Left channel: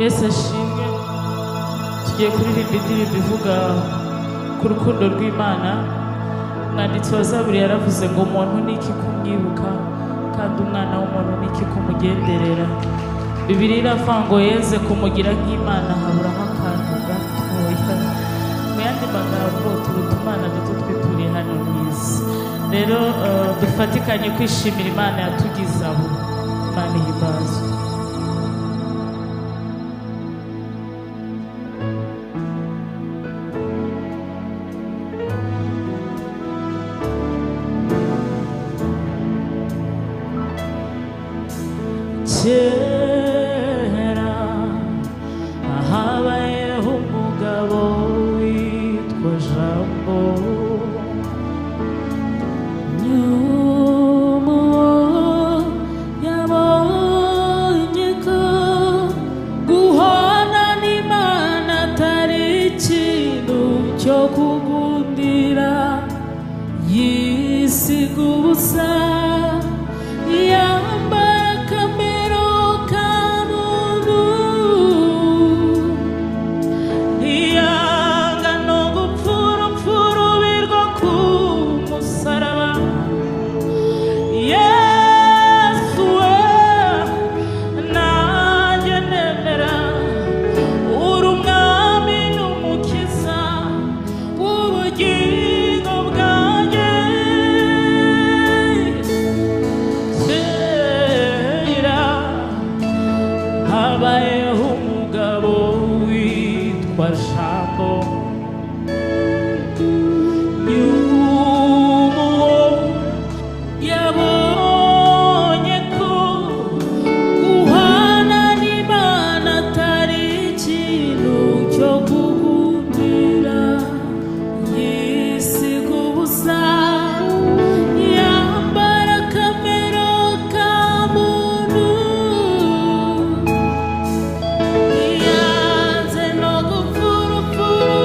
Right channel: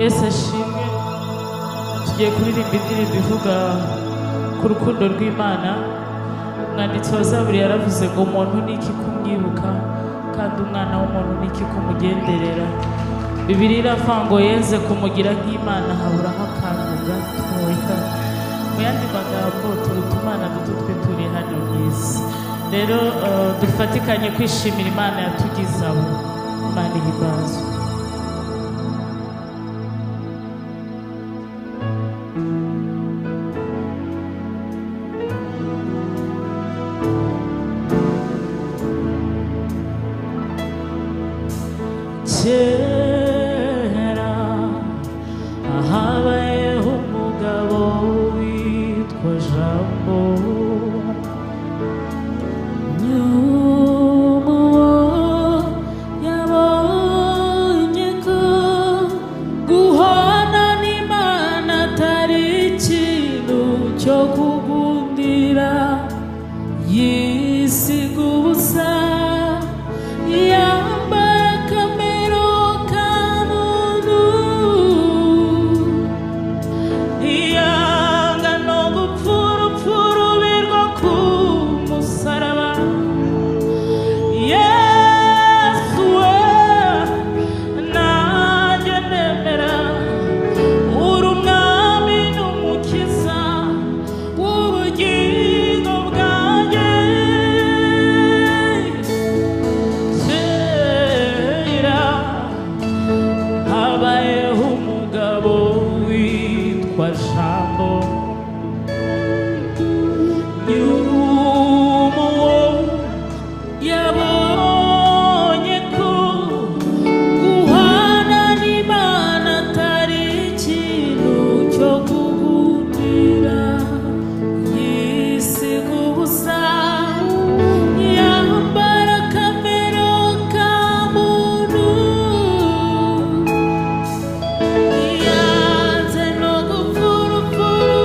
Yesu ashimwe. Tugiye kuririmba indirimbo ivuga ku rukundo rw'Imana. Umwanditsi wa Zaburi yaravuze ngo umuntu niki kumwibuka kandi umwana w'umuntu niki kumugenderera. Bibiliya iravuga ngo yeze kumugira nk'Imana haburaho akantu gatoya. Mu yandi magambo turuta Imana duto twituriye hano mu isi. Rero dufatikanye kwishimira Imana yatugize abo. Imana ihimbazwe. Kera habayeho umugabo witwa Jambo, nyuma yabonye ko guhana n'Imana atari ikintu cyo kugundira, yisiga ubusa habayeho umugabo witwa Jambo, nyuma yabonye ko guhana n'Imana atari ikintu cyo kugundira, yisiga ubusa yambara kamero ka muntu, yanze no gupfurupfuru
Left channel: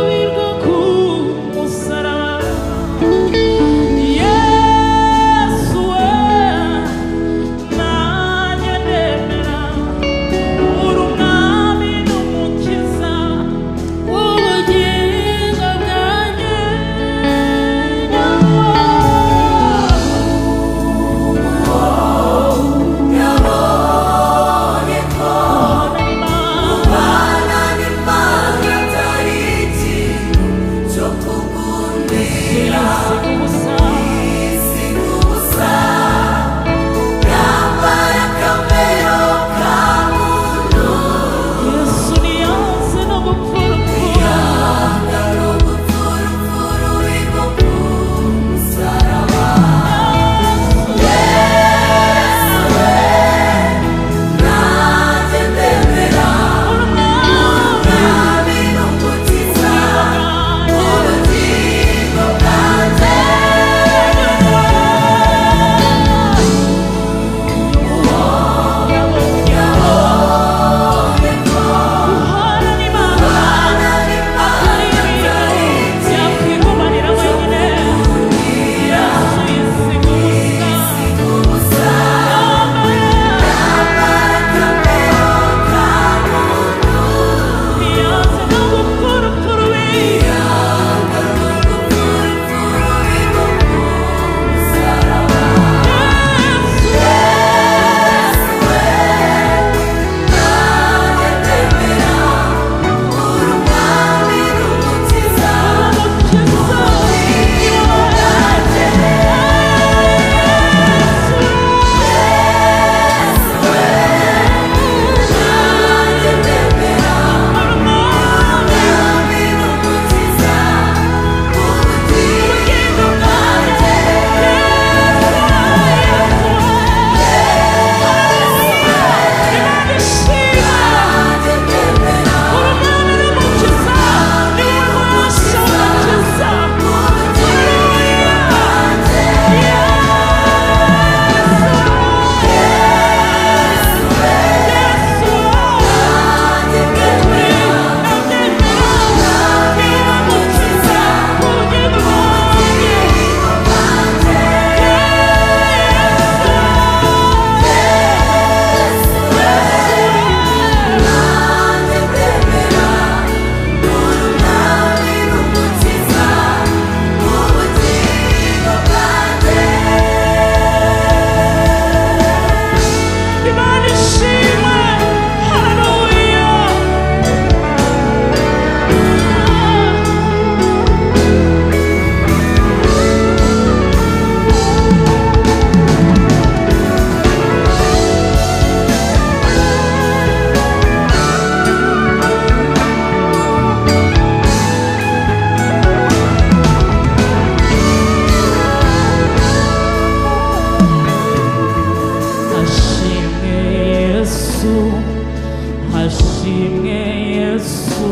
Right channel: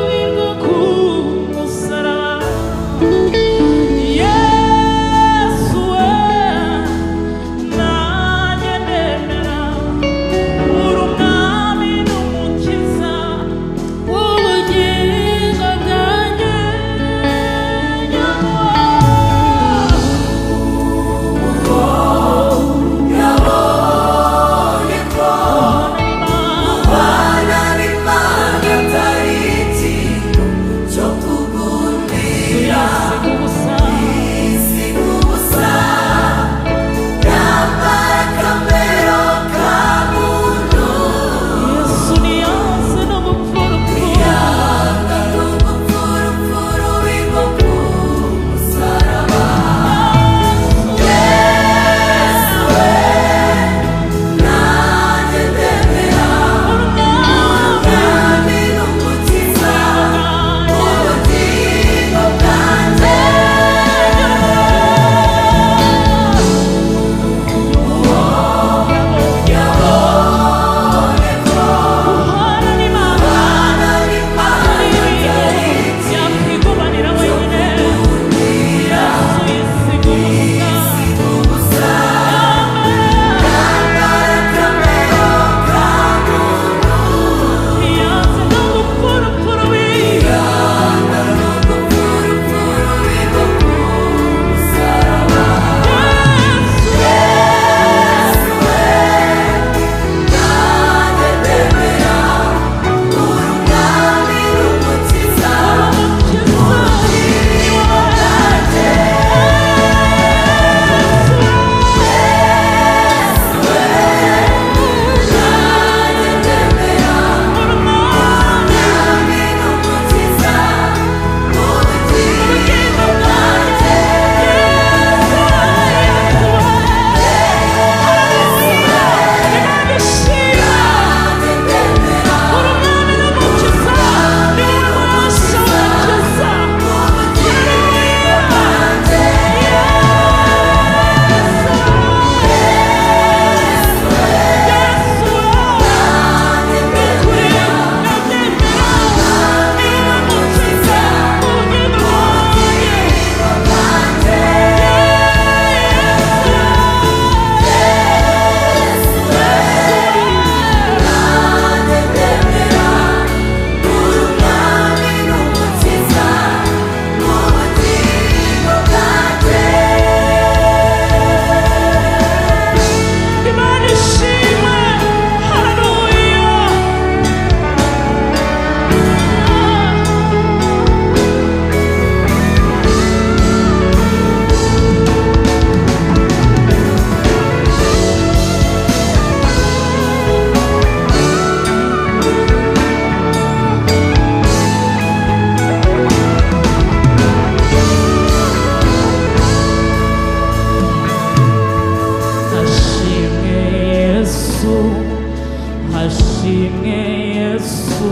hashimwe Yesu,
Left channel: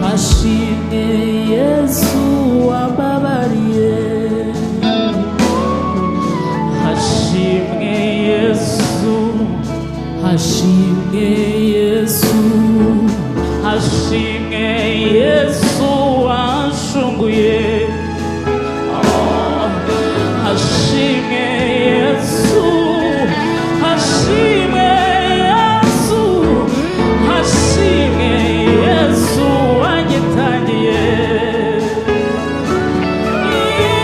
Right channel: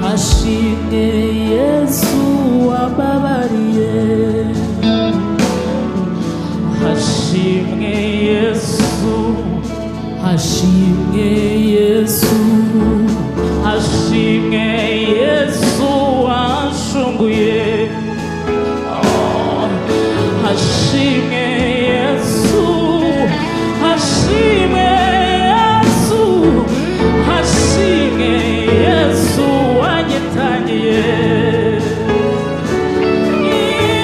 hashimwe Yesu wambabariye, hashimwe Yesu, hashimwe Yesu, hashimwe Yesu wanshunguye, hashimwe Yesu, hashimwe Yesu, hashimwe Yesu wanyitangiye,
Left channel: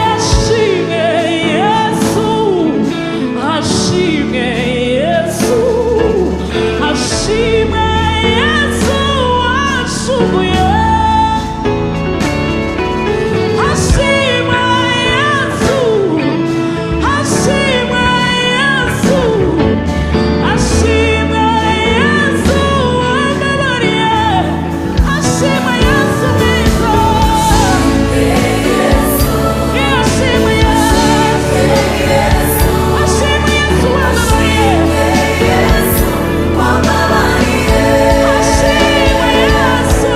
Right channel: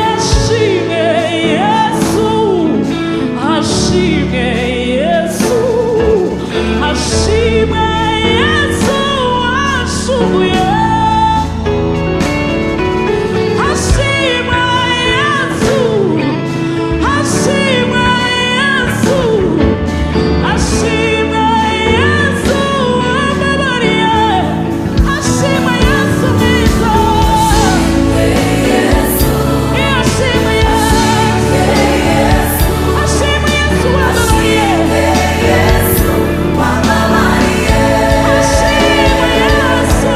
hashimwe Yesu, hashimwe Yesu, hashimwe Yesu wanshunguye, hashimwe Yesu, hashimwe Yesu, hashimwe Yesu wambabariye, hashimwe Yesu mwiza, hashimwe Yesu, hashimwe Yesu wambabariye, hashimwe Yesu,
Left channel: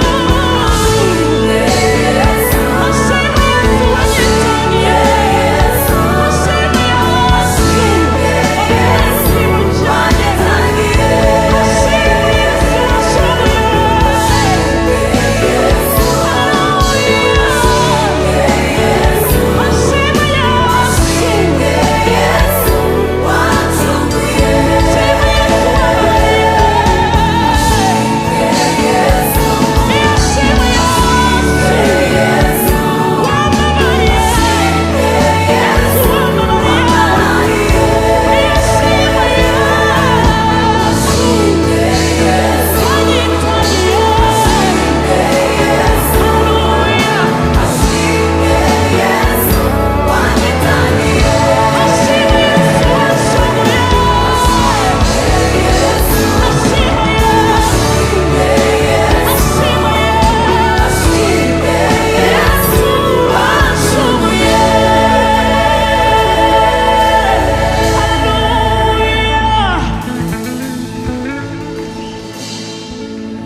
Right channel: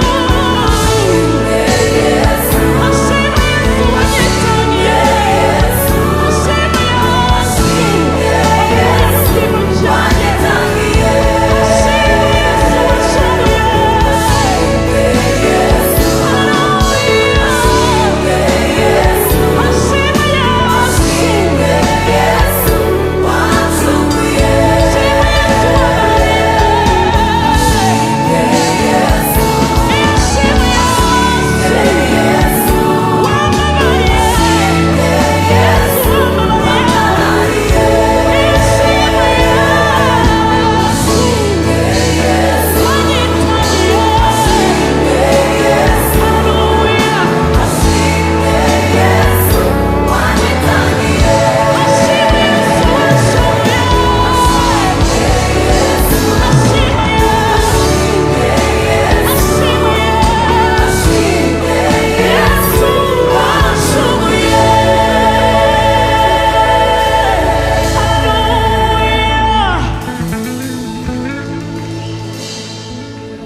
hashimwe Yesu wanyitangiye, hashimwe Yesu wakuye mu kimo cyanjye, hashimwe Yesu wanshoboye, haleluya, hashimwe Yesu, hashimwe Yesu wambabariye, hashimwe Yesu wambabariye, Yesu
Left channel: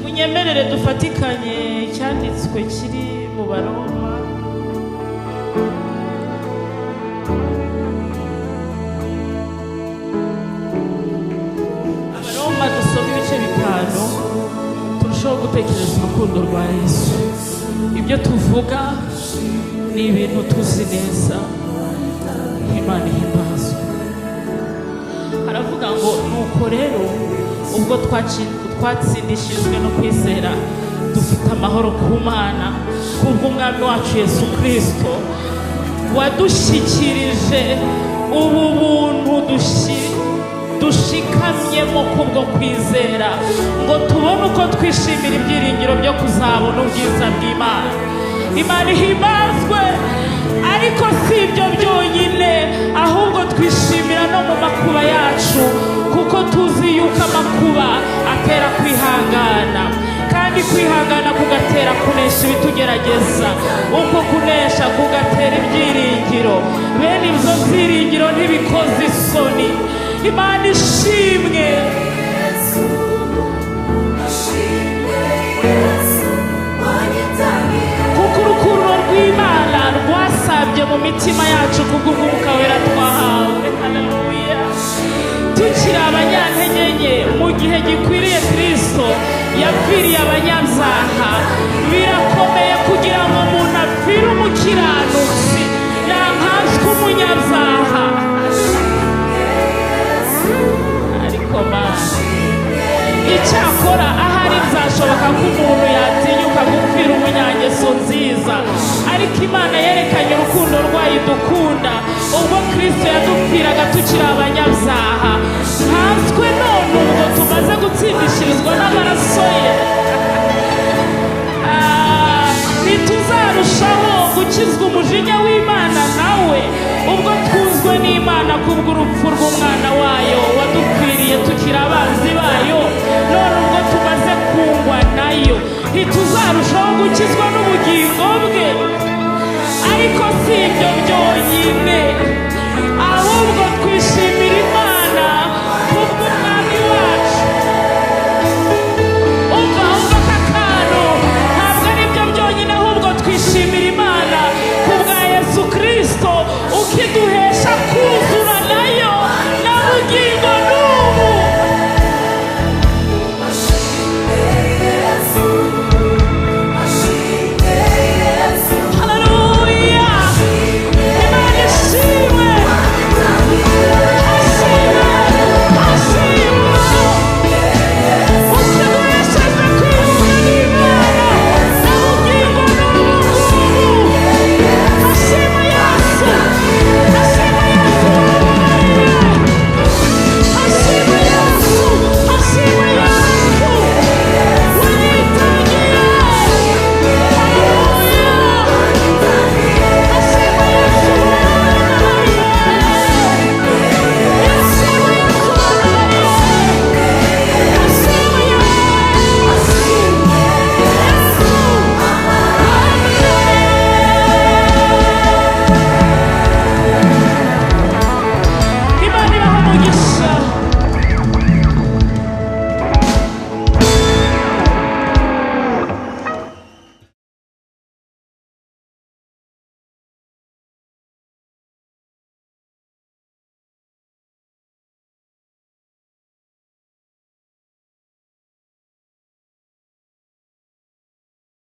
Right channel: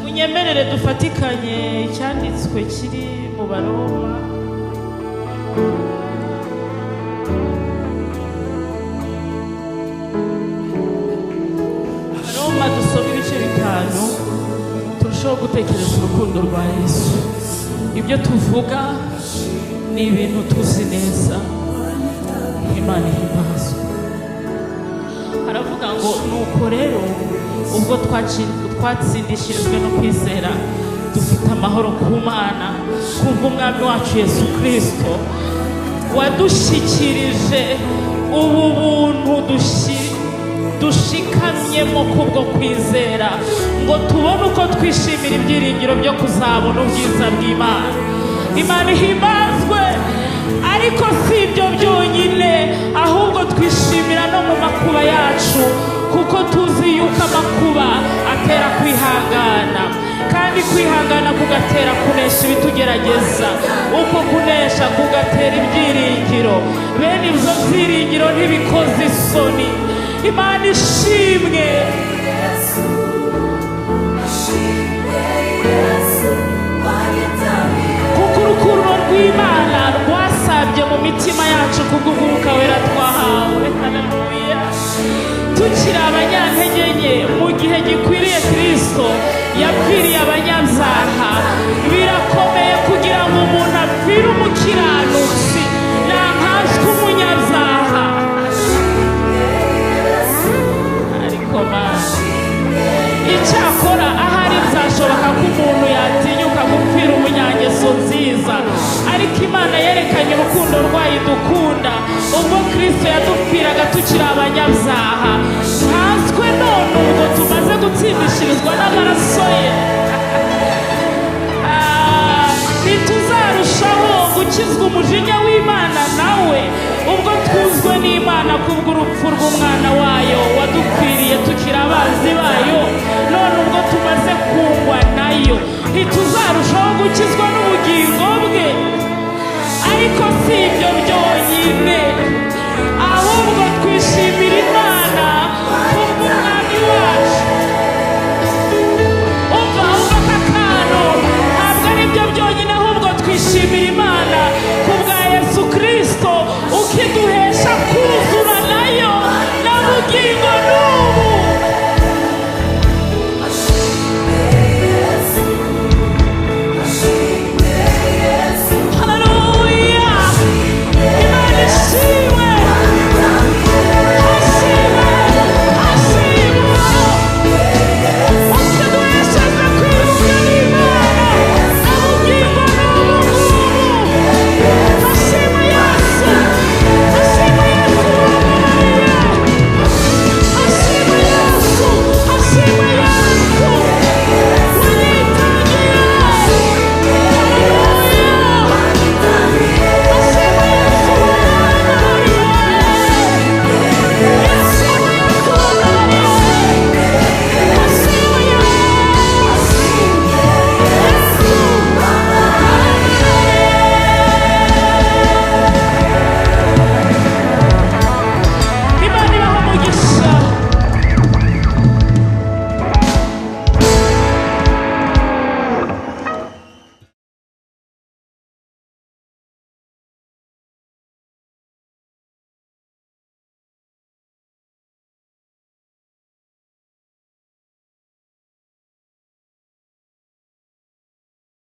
munyemerere dufatikanye icyanditswe kiri mu Baroma, Abaroma dusoma ibice 5 turushaho gutekereza urukundo rwa Yesu. Ibyo tuvuga ni ibintu tuzi neza, Imana ihimbazwe. Haravuga ngo nuko rero ubwo twatsindishirijwe no kwizera dufite amahoro ku Mana kubw'umwami wacu Yesu Kristo, wadushyikirije ubu buntu dushikamyemo kubwo kwizera, ngo tubone uko twishimira ibyiringiro byo kuzabona ubwiza bw'Imana. Imana ihimbazwe. Ariko si ibyo byonyine, ahubwo twishimira no mu makuba yacu, kuko tuzi yuko amakuba atera kwihangana, kandi kwihangana kugatera kunesha ibitugerageza, uko kunesha kugatera ibyiringiro, bene ibyo byiringiro ntibikoze isoni. Imana ishimwe. Kuko urukundo rw'Imana rwasabye mu mitima yacu kubw'Umwuka Wera twahawe. Haleluya. Tukiri abanyantege nke, mu gihe gikwiriye Kristo yapfiriye abanyabyaha. Birakomeye kugira ngo umuntu apfire umukiranutsi, yankaswe umunyabyaha. Ariko Mana, icyakora ahari byashoboka ko umuntu yatinyuka gupfira umunyangeso nziza, ariko Imana yerekanye urukundo rwayo idukunda ubwo Kristo yadupfiraga tukiri abanyabyaha. Nkanswe none ubwo tumaze gutsindishirizwa n'amaraso ye, ntituzarushaho gukizwa umujinya w'Imana nawe, ubwo twuzwe n'Imana kubw'urupfu rw'umwana wayo wadupfiriye tukiri abanzi bayo. None ubwo tumaze kungwa nayo, ntituzarushaho gukizwa n'ubugingo bwe. Ariko si ibyo byonyine, ahubwo twishimira Imana kubw'umwami wacu, gushimira Imana kubwa Yesu Kristo ukidu